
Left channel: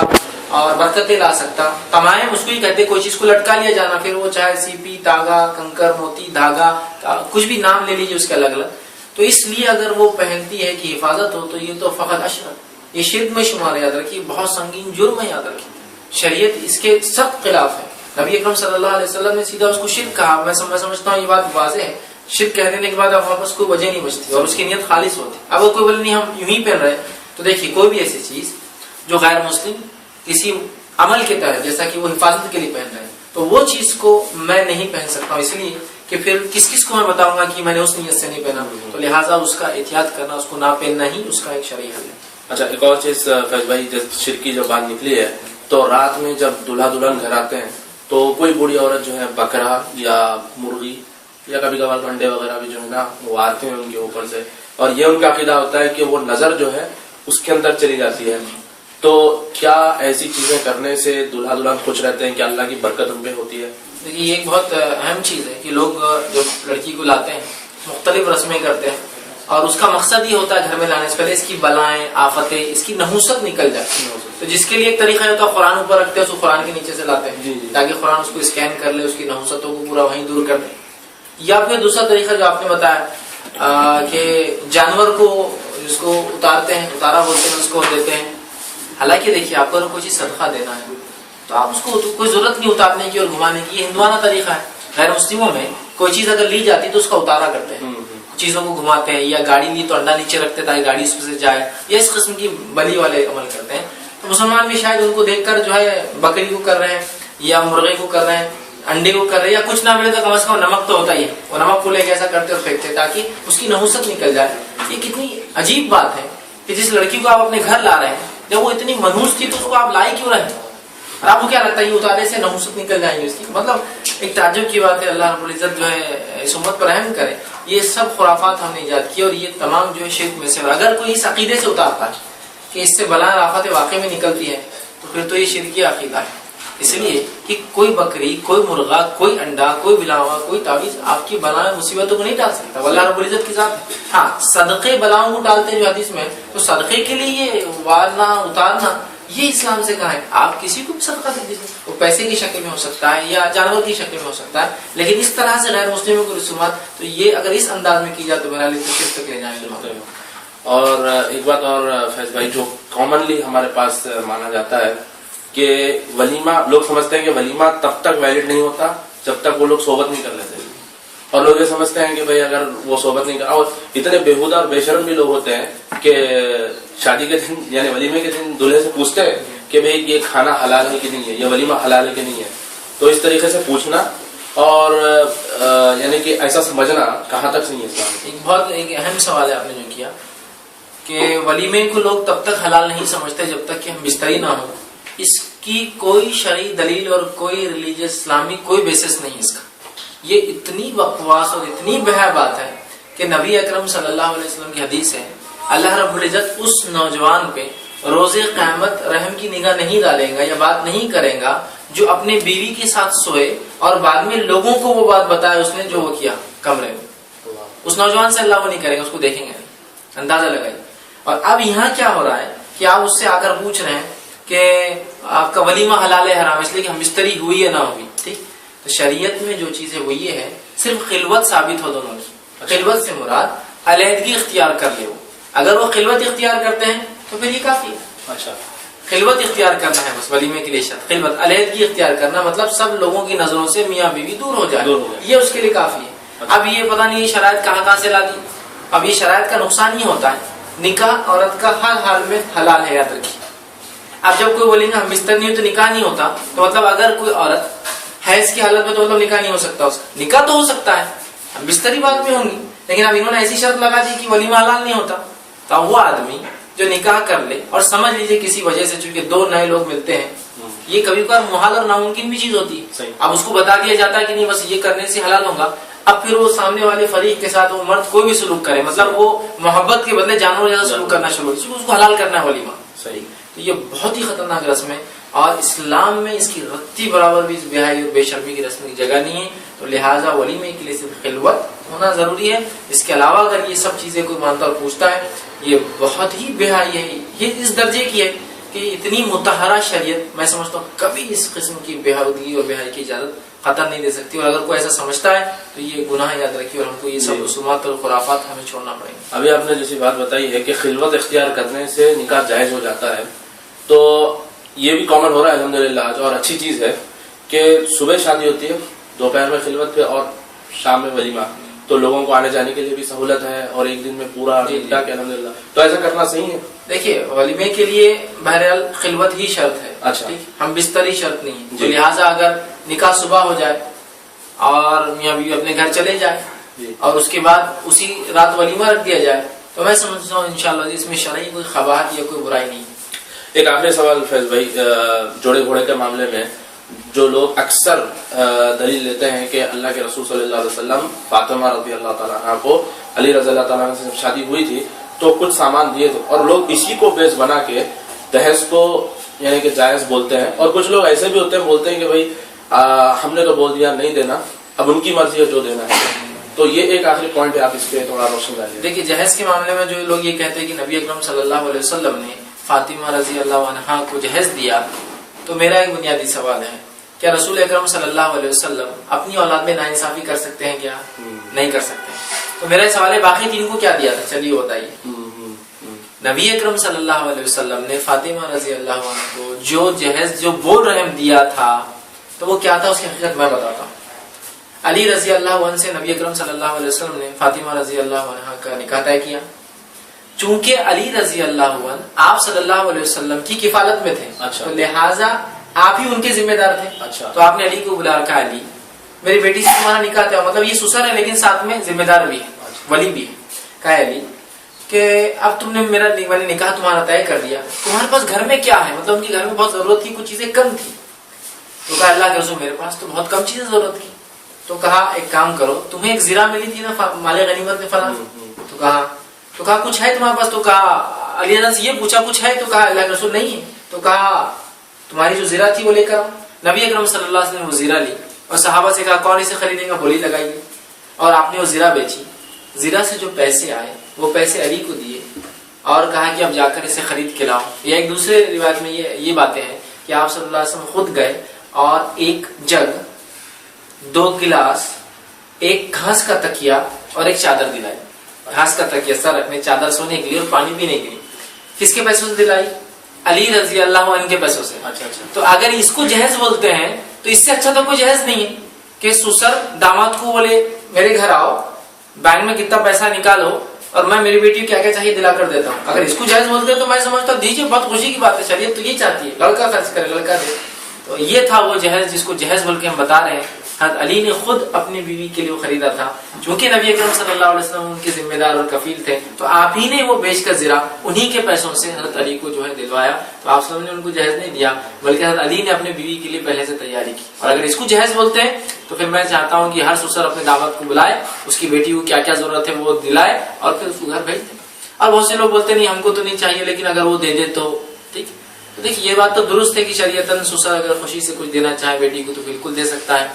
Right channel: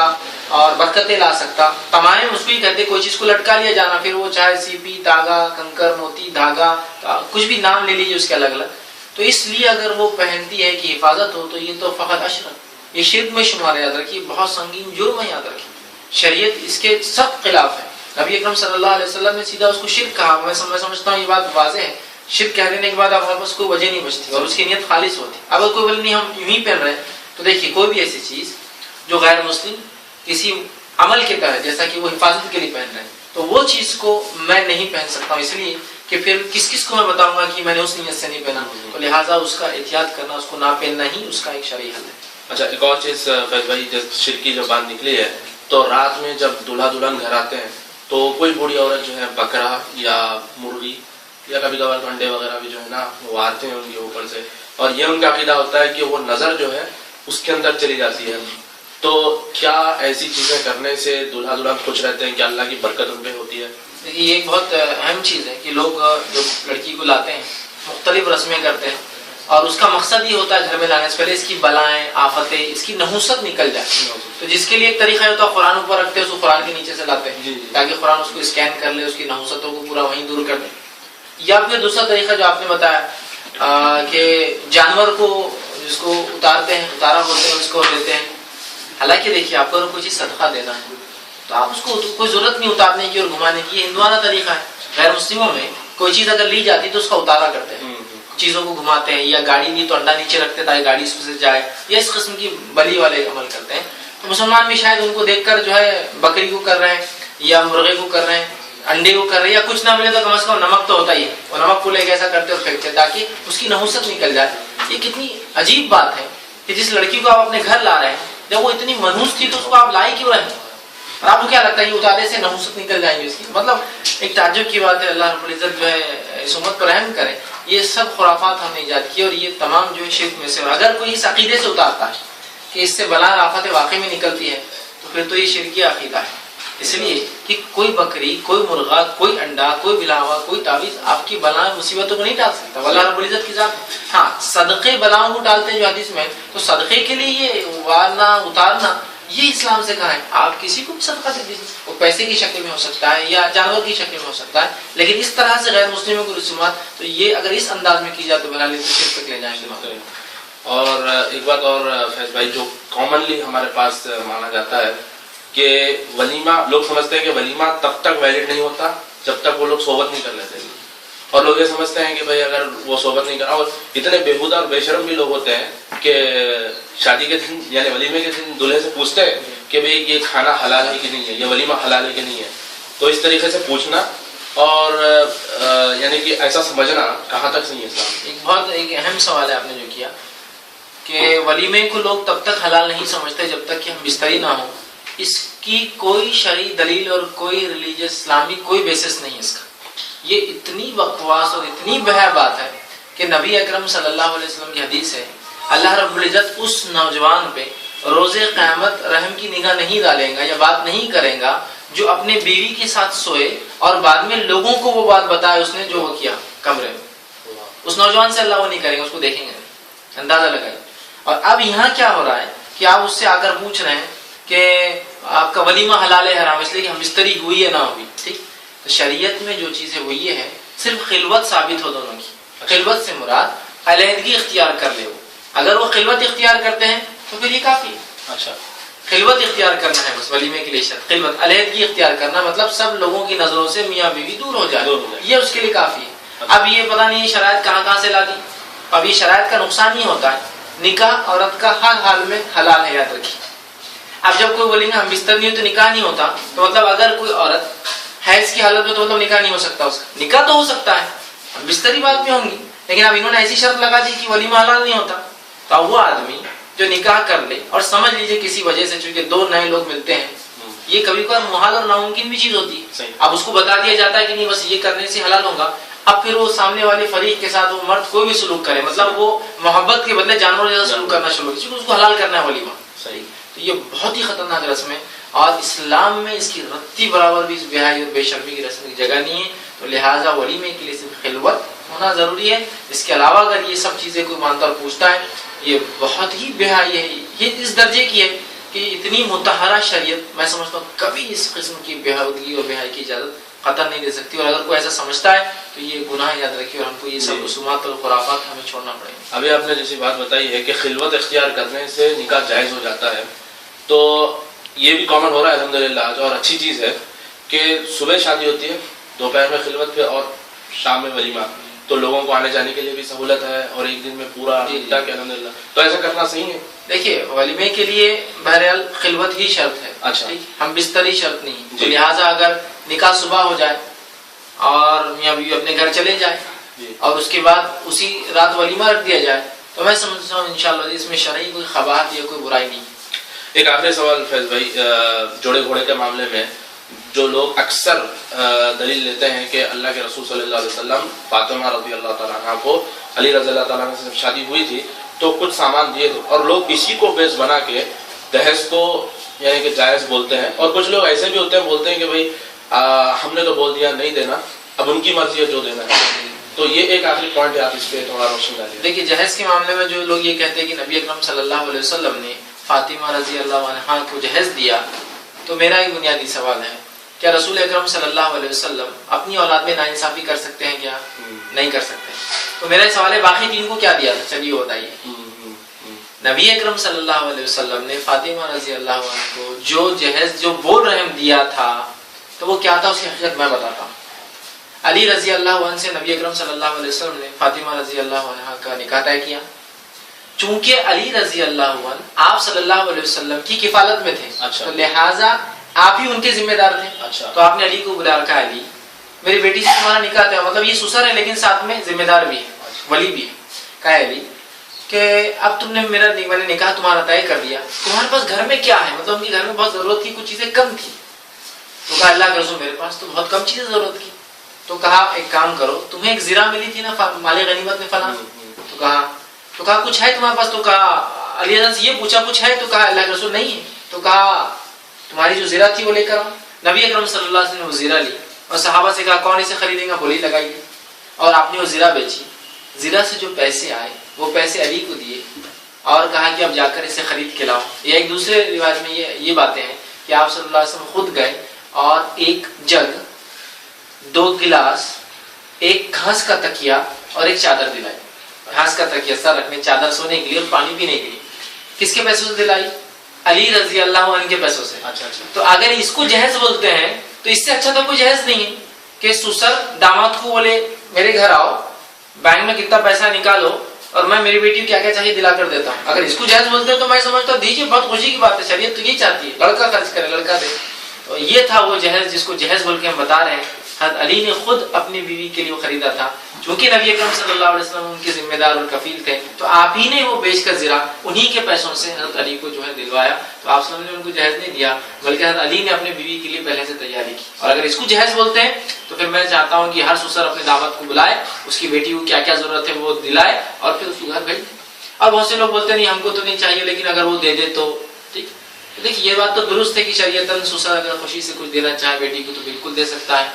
اور برکتیں لا سکتا. تمام اس کو ہی کہتے کوئی چیز کو لٹکا لیا جانا, پھر وہ چاہے سیپی, تاگا, کنکر, موتی, دھاگا, کچھ بھی نام لے لیجیے اس کے الگ الگ. تو اس لیے اگر وہ پہنتی ہے کہ حفاظت ہو تو یہ تو فقط اشرک, یہ شرک میں شمار ہے. یاد رکھیے بہت سنگین جرم ہے, یاد رکھیے شریعت اس کے سخت خلاف ہے. نبی اکرم صلی اللہ علیہ وسلم نے سیدھا اس کو شرک کہا. میں سمجھتا ہوں یہ بات واضح ہے, شرک کہہ دینے کے بعد اب وہاں پر اس کو وجہ نہیں بچتی اور اس کی نیت خالص ہوتی. اگر کوئی بولے نہیں ہم یوں ہی پہن رہے, تو دیکھیے کوئی بھی ایسی چیز جو غیر مسلم کسی عمل کے تحت جیسا کہ وہ حفاظت کے لیے پہن رہے ہیں تو وہ چیز کو میں نہیں پہن سکتا ہوں, اس لیے کہ پھر کس کس کو میں بتاؤں گا کہ میں نے اس نیت سے نہیں پہنا. تو لہٰذا اس کا احتیاط کرنا, اس کو نہ پہننا ہی اس کا ایک شرعی حل ہے. اچھا ایک اور چیز فیض بھائی, جب شرک کی جو بات نکلی ہے تو رات میں جب دلہا دلہن گھر آتے ہیں تو کوئی بوڑھی عورت جو ہے بکرا یا مرغی یا کبھی کبھار انڈے وغیرہ بھی جو ہے نا وہ آتے ہیں ان کے اوپر سے, اور یہ ان کا عقیدہ ہوتا ہے کہ وہ نظر جو ہے اس کے اندر چلی جاتی ہے. تو کیا ایسی چیزیں کرنے سے دلہا دلہن خوش رہتے ہیں کہ اللہ کی برکت ان پہ ہوتی ہے؟ یہ ایک بہت اہم چیز ہے کہ لوگ جب لڑکی کو لاتے ہیں مختلف رسمیں کرتے ہیں, اور اس کا مقصد یہ ہوتا ہے گھر میں لانے سے پہلے اس کی بلائیں, آفتیں, اس کی نحوست نکل جائے. تو جس کے لیے ایک طریقہ ہوتا ہے قرآن اوپر رکھتے ہیں, اس کو قرآن کے نیچے سے لاتے ہیں تاکہ قرآن اس کو اسکین کر لے, اس کی نحوستوں کو پورا وہیں دور کر دے. یا پھر دوسرا طریقہ جو آپ نے بتایا کہ جانور کو جس کو اتارتے ہیں, اتارا بولتے ہیں, اس کو دیتے ہیں. حالانکہ دیکھیے آپ کو اگر کوئی چیز صدقہ دینا ہے تو آپ اس کو کوئی ضرورت نہیں اتارنے کی اور گھمانے کی, یہ ہندوانہ طریقہ ہے. غیر مسلموں میں کوئی چیز اگر لی جاتی تو اس کا اتارا کرتے ہیں, چیزوں کو گھماتے ہیں, یا گاڑی لی تو انڈا نیچے رکھتے تاکہ گاڑی اس سے جائے, یا اس قسم کی بلی والے عمل کرتے ہیں. تو مسلمان بھی شاید ان کو دیکھ کر جو ہے بکری کو کر رہے ہیں یا مرغے کو کر رہے ہیں, انڈے کو کر رہے ہیں, یا کچھ نہ ملے تو کم از کم نمک تو ہوتا ہی ہے, وہ نمک کو لے کے ایسا کرتے اور پھینکتے تاکہ اس کی نحوست نکل جائے. یہ کتنی عجیب بات ہے کہ جس لڑکی کو آپ اپنے گھر لا رہے ہیں جب وہ اتنی منحوس تھی تو اس کو آپ لائی کیوں رہے ہیں؟ اور آپ کو کیا لگتا ہے یہ اتارنے سے نحوست نکل جائیں گے اس کی؟ مطلب ایک تعجب کی بات ہے. اللہ رب العزت جو ہے اس امت پر رحم کرے. یہ سب خرافات ہم نے ایجاد کی, اور یہ تمام جو ہے شرک میں سے. اگر کوئی اس عقیدے سے اتارتا ہے کہ اس سے بلا آفت واقع میں نکلتی ہے تو پھر تو یہ شرکی عقیدہ ہے. اس لیے کہ کوئی بکری, کوئی مرغا, کوئی انڈا, کوئی بلاوا, کوئی تعویذ آپ کی بلا مصیبتوں کو نہیں ڈال سکتا. اللہ رب العزت کی ذات. ہاں صدقے بلاؤں کو ڈالتے ہیں جو حدیث میں, تو صدقے کے لیے یہ وارنا اتارنا یہ اسلام سے کہا ہے. آپ کسی کو بھی صدقہ دے دیجیے, وہ پیسے کی شکل میں ہو سکتا ہے یا جانور کی شکل میں ہو سکتا ہے, لیکن اس طرح سے غیر مسلموں کو رسومات, تو یہ اگر اس انداز میں کی جائے تو بنا لی تو شرک تک لے جائیں گے. اور ایک بات اور فیض بھائی, جو کامنلی ہمارے پاس مانا جاتا ہے کہ ولیمہ, لوگ سمجھتے ہیں کہ ولیمہ تب تک ویلڈ نہیں ہوتا جب تک وہ لوگ صحبت نہیں کر لیتے, اور لوگ یہ سمجھتے ہیں کہ بھائی اگر وہ صحبت نہیں کرا, اور اتنے بےہودہ اور بے شرم بھی لوگ ہوتے ہیں کہ شادی کے دن یعنی ولیمے کے دن دلہے سے پوچھتے ہیں کہ بھئی یہ کھانا حلال ہے کہ نہیں ہے, یہ ولیمہ حلال ہے کہ نہیں ہے. تو اس طریقے سے پوچھنا اور یعنی کہ ایسا سمجھنا کہاں تک صحیح ہے اسلام میں؟ ایک بہت ایک اہم سوال ہے آپ نے جو کیا کہ ولیمے کو لوگ تب تک حلال نہیں سمجھتے جب تک کہ ہم بستری نہ ہوں. اس کی کوئی شرعی دلیل اور کوئی ریلیجیس اسلامی کوئی بیسس نہیں اس کا. یہ اتنی بکواس اور اتنی بہا بات ہے کہ نبی اکرم صلی اللہ علیہ وسلم کی حدیث ہے, اللہ رب العزت اس نوجوان پہ روز قیامت رحم کی نگاہ نہیں ڈالے گا یا بات نہیں کرے گا جو اپنے بیوی کے ساتھ سوئے اور بعد میں لوگوں کو وہ بات بتائے اس نے جو وہ کیا کمرے میں. اس نوجوان سے اللہ وہ نہیں کرے گا, اس کو دیکھیں گے, اندازہ لگائیں. اور اب یہاں کیا ہو رہا ہے کہ آپ اس سے آ کر پوچھ رہے ہیں کہ آپ کا ولیمہ حلال ہے حرام, اس لیے کہ ہم بستری ہوئی یا نہ ہوئی. ٹھیک, تو شریعت میں جو چیزیں وہ یہ ہے صرف خلوت ثابت ہو دونوں کی. خلوت سے مراد علیحدگی اختیار کر لے. وہ اگر وہ خلوت اختیار کرتے ہیں تو پھر یہ کافی ہے. اچھا, خلوت اختیار کرنا ہے بس ولیمے کے لیے شرط. خلوت علیحدگی اختیار کرنا مطلب سب لوگوں کی نظروں سے میاں بیوی دور ہو جائے, یہ اس کے لیے کافی ہے. اب یہ پتہ نہیں یہ شرائط کہاں سے لا دی. اب یہ شرائط کا نقصان ہی ہوتا ہے. نکاح عورت کا ہر حال میں حلال ہے, یاد رکھیے. اب جب کوئی بولیں گے ہم بستر نہیں ہو تو نکاح نہیں ہوتا, تو مطلب اگر کوئی عورت حیض کی حالت میں تو مطلب نکاح نہیں ہو سکتا اس کا. نکاح تو ہو سکتا ہے, اب بستری بعد میں ہوں گی, لیکن اب انہوں نے ایسی شرط لگا دی کہ ولیمہ حلال نہیں ہوتا. تو اب وہ آدمی جو نکاح کر لے اور سمجھ لیجیے کسی وجہ سے چونکہ دو نئے لوگ ملتے ہیں, یہ کبھی کبھار محال اور ناممکن بھی چیز ہوتی ہے. اب اس کو بتا دیا جاتا ہے کہ نہیں بس یہ کرنے سے حلال ہوگا. اب پھر وہ سامنے والے فریق کے ساتھ وہ مرد کوئی بھی سلوک کرے, مطلب وہ محبت کے بدلے جانوروں جیسا سلوک کرنا شروع ہو, کیونکہ اس کو حلال کرنا ہے ولیمہ. صحیح. تو یہ بہت ہی خطرناک رسم ہے, اور اسلام میں اس کی رتی برابر بھی اس بے-حیائی اور بے شرمی کی رسم کی جگہ نہیں ہے. تو لہٰذا ولیمے کے لیے صرف خلوت ہونا ضروری ہے. اس کے علاوہ اگر یہ سب چیزیں کوئی مانتا اور پوچھتا ہے, یہ بہت ہی بے-حیائی ہے. یہ اس درجے کی ہے کہ اتنی متحرہ شریعت میں سمجھتا ہوں کبھی اس قسم کی بے-حودگی اور بے-حیائی کی اجازت قطع نہیں دے سکتی. اور اگر کوئی ایسا سمجھتا ہے تو یہ گناہ یاد رکھیے, اور ہم کو یہ سب رسومات اور خرافات ہمیں چھوڑنا پڑے گا. ابھی آپ نے جیسی بات بتائی ہے کہ خلوت اختیار کرنے سے نکاح جائز ہو جاتا ہے, تو یہ بھی کامن ہو رہا ہے الحمدللہ, جو اور اچھی چیز ہے کہ صبح شادی ہوتی ہے, دوپہر میں خلوت پہ اور شام میں ولیمہ, تو لوگوں کو آنے جانے کے لیے بھی سہولت ہے, اور ایک دن میں پورا نکاح کے الحمدللہ. تو ایسا کرنا صحیح ہے. دیکھیے ولیمے کے لیے بہرحال خلوت ہی شرط ہے. اچھا, ہم بستر ہی شرط نہیں. تو لہٰذا اگر نکاح صبح ہو جائے اور میاں بیوی اپنے گھر چلے جائیں اور اس کے بعد اسی رات ولیمہ رکھ دیا جائے، تو میں سمجھتا ہوں انشاءاللہ اس میں شرعی کوئی قباحت یا کوئی برائی نہیں ہے۔ ایک آخری سوال فیض بھائی، جوڑے گھوڑے کے معاملے میں جو لوگ اکثر دلیل لیتے ہیں کہ اللہ کے رسول صلی اللہ علیہ وسلم فاطمہ رضی اللہ تعالیٰ عنہ کو علی رضی اللہ تعالیٰ عنہ سے شادی ہوئی تھی تو کچھ سامان دیے تھے، اور لوگ اسی کو بیس بنا کے دہیج کو یعنی کہ جائز بولتے ہیں، اور کچھ لوگ ایسے بھی ہوتے ہیں بولتے ہیں کہ بھائی ہم نے تو بول دیا نہیں دینا، اب ان کی مرضی ہے جو دینا ہے۔ تو یہ ایک آخری پوائنٹ ہے، آپ اس پہ تھوڑا روشن ڈالیے۔ دیکھیے جہیز کے معاملے میں جو لوگ یہ کہتے ہیں کہ نبی اکرم صلی اللہ علیہ وسلم نے فاطمہ رضی اللہ عنہا کو جہیز دیا، تو میرا ایک بنیادی سوال ہے، کیا رسول اکرم صلی اللہ علیہ وسلم اپنی اولاد میں ناانصافی کر سکتے ہیں کیا؟ نہیں کر سکتے۔ تو میرا سوال ہے باقی تین کو کیا دیا تھا؟ چلیے وہ بتائیے۔ نبی اکرم صلی اللہ علیہ وسلم نے فاطمہ رضی اللہ عنہ کو جو جہیز جو بول رحم دیا تھا تو وہ کیا تھا، اس کی حقیقت میں بتاتا ہوں۔ علی رضی اللہ عنہ سے نبی اکرم صلی اللہ علیہ وسلم نے فاطمہ رضی اللہ عنہ کا نکاح طے کیا، چونکہ علی رضی اللہ عنہ آپ صلی اللہ علیہ وسلم کی کفالت میں تھے، تو لہٰذا آپ ہی ان کے ذمہ دار تھے۔ تو آپ نے علی کو بلا کہا علی میری بیٹی سے تمہارا نکاح تھا، مطلب یہ سسر ہے لیکن ساتھ میں ذمہ دار بھی ہے، ولی بھی ہے۔ کہا علی کہ اب تم نے میں نے نکاح تمہارا طے کر دیا، تمہارے پاس گھر میں کیا ہے؟ مطلب ان کے گھر میں بہت ضرورت تھی، کچھ چیزیں کم تھی۔ تو کہا اللہ کے رسول میرے پاس تو بہت کم چیزیں ضرورت کی۔ تو کہا ایک کام کرو، تمہیں ایک زرہ ملی تھی نا مال غنیمت میں فلاں، تو کہا کچھ ہے تمہارے پاس؟ تو کہا علی سے یہ پوچھا کچھ ہے؟ تو کہا اللہ کے رسول نہیں ہے۔ تو کہا تمہاری جو زرہ تھی وہ لے کر آؤ۔ نبی اکرم صلی اللہ علیہ وسلم نے وہ زرہ لی اور صحابہ سے کہا کون اسے خریدے گا؟ بولی لگائیے، اور آپ نے وہ زرہ بیچی۔ زرہ سے جو پیسے آئے وہ پیسے علی کو دیے اور کہا کہ اب جا کر اسے خرید کے لاؤ۔ یا ایک دوسرے روایت میں یہ باتیں ہیں کہ آپ صلی اللہ علیہ وسلم خود گئے اور ایک جگ، 2 گلاس، ایک گھاس کا تکیا اور ایک چادر دلائی۔ گھاس کا تکیا سر رکھنے، چادر سونے کے لیے اور پانی پینے کے لیے۔ کس کے پیسوں سے دلائی؟ علی رضی اللہ عنہ کے پیسوں سے۔ تو اگر اس کو جہیز بولتے ہیں تو اس سے اچھا تو کوئی جہیز نہیں ہے کہ سسر داماد کو بولے میرے گھر آؤ، بینک میں کتنا پیسہ نکالو اور میں میری بیٹی کو کیا کیا چاہیے دلا کر دیتا ہوں۔ اگر اس کو جہیز بولتے ہیں تو میں سمجھتا ہوں دیجیے، بہت خوشی کی بات ہے، چلیے تو یہ چاہتی ہے لڑکا خرچ کرے، لڑکا دے۔ تو یہ تھا وہ جہیز جس کو جہیز بول کے ہم بتا رہے ہیں۔ حضرت علی نے خود اپنی بیوی کے لیے خریدا تھا، چونکہ نبی اکرم صلی اللہ علیہ وسلم ان کے ذمہ دار اور کفیل تھے، تو آپ ہی نے وہ بیچ کر زرہ انہی کے پیسوں سے حضرت علی کو جو ہے دلوایا۔ تو آپ صلی اللہ علیہ وسلم نے ان کو جہیز نہیں دیا، بلکہ حضرت علی نے اپنی بیوی کے لیے پہلے سے تیاری کی۔ اور اگر اس کو جہیز بولتے ہیں تو پھر میں چاہتا ہوں کہ ہر سسر اپنے داماد کو بلائے، اس کی بیٹی کو کیا کیا ضرورت ہے وہ دلائے اور پھر اس کو گھر بھیج دے۔ اور بہت سے لوگ بولتے نہیں ہم کو تو نہیں چاہیے، لیکن اگر وہ دے دے تو ٹھیک۔ دیکھیے یہ بات تو درست ہے کہ شریعتاً سسر اگر خوشی سے کچھ دینا چاہے بیٹی کو تو بالکل دے سکتا ہے،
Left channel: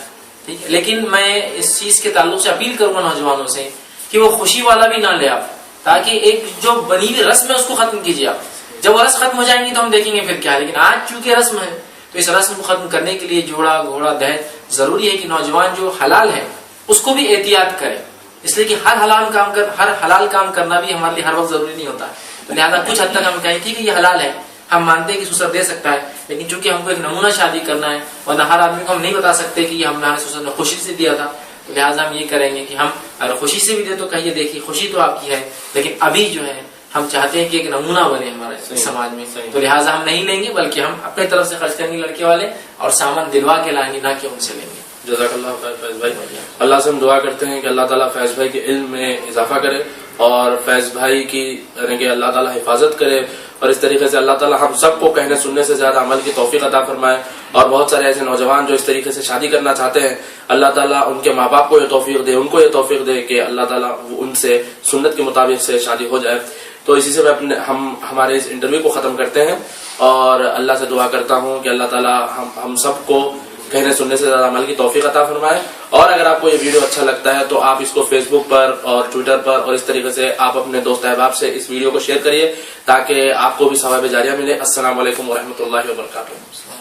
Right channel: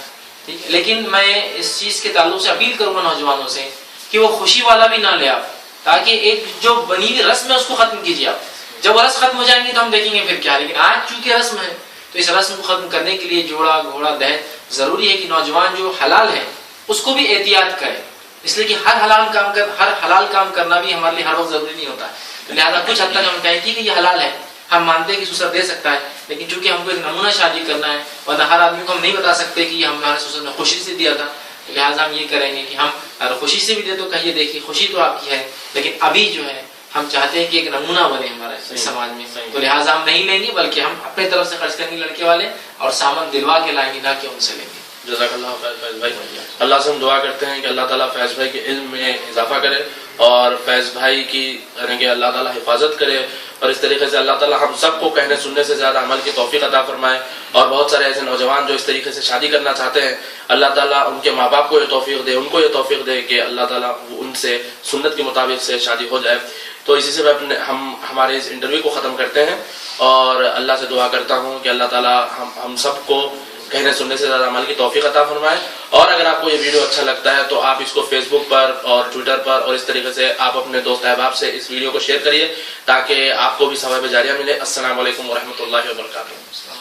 ٹھیک ہے۔ لیکن میں اس چیز کے تعلق سے اپیل کروں گا نوجوانوں سے کہ وہ خوشی والا بھی نہ لے آپ، تاکہ ایک جو بنی ہوئی رسم ہے اس کو ختم کیجیے آپ۔ جب وہ رسم ختم ہو جائیں گی تو ہم دیکھیں گے پھر کیا، لیکن آج چونکہ رسم ہے تو اس رسم کو ختم کرنے کے لیے جوڑا گھوڑا دہیج ضروری ہے کہ نوجوان جو حلال ہے اس کو بھی احتیاط کرے، اس لیے کہ ہر حلال کام کرنا بھی ہمارے لیے ہر وقت ضروری نہیں ہوتا ہے۔ لہٰذا کچھ حد تک ہم کہیں ٹھیک ہے یہ حلال ہے، ہم مانتے ہیں کہ سسر دے سکتا ہے، لیکن چونکہ ہم کو ایک نمونہ شادی کرنا ہے اور نہ ہر آدمی کو ہم نہیں بتا سکتے کہ یہ ہمارے سسر نے خوشی سے دیا تھا، تو لہٰذا ہم یہ کریں گے کہ ہم اگر خوشی سے بھی دے تو کہیے دیکھیے خوشی تو آپ کی ہے، لیکن ابھی جو ہے ہم چاہتے ہیں کہ ایک نمونہ بنے ہمارے سماج میں، تو لہٰذا ہم نہیں لیں گے بلکہ ہم اپنے طرف سے خرچ کریں گے لڑکے والے اور سامان دلوا کے لائیں گے، نہ کہ ان سے لیں گے۔ جزاک اللہ خیر فیض بھائی، اللہ سے ہم دعا کرتے ہیں کہ اللہ تعالیٰ فیض بھائی کے علم میں اضافہ کرے اور فیض بھائی کی یعنی کہ اللہ تعالیٰ حفاظت کرے، اور اس طریقے سے اللہ تعالیٰ ہم سب کو کہنے سننے سے زیادہ عمل کی توفیق عطا فرمائے، اور بہت سارے ایسے نوجوان جو اس طریقے سے شادی کرنا چاہتے ہیں اللہ تعالیٰ ان کے ماں باپ کو یہ توفیق دے، ان کو یہ توفیق دے کہ اللہ تعالیٰ ان سے سنت کے مطابق سے شادی ہو جائے۔ تو اسی سے میں ہمارے اس انٹرویو کو ختم کرتے ہیں اور اللہ سے دعا کرتا ہوں کہ اللہ تعالیٰ ہم سب کو کہنے سننے سے زیادہ عمل کی توفیق عطا فرمائے۔ اور اگر آپ کو یہ ویڈیو اچھا لگتا ہے تو آپ اس کو فیس بک پر اور ٹویٹر پر اور اس طریقے سے آپ اپنے دوست احباب سے اس ویڈیو کو شیئر کریے تاکہ آپ کو بھی ثواب جاریہ ملے۔ السلام علیکم ورحمۃ اللہ وبرکاتہ۔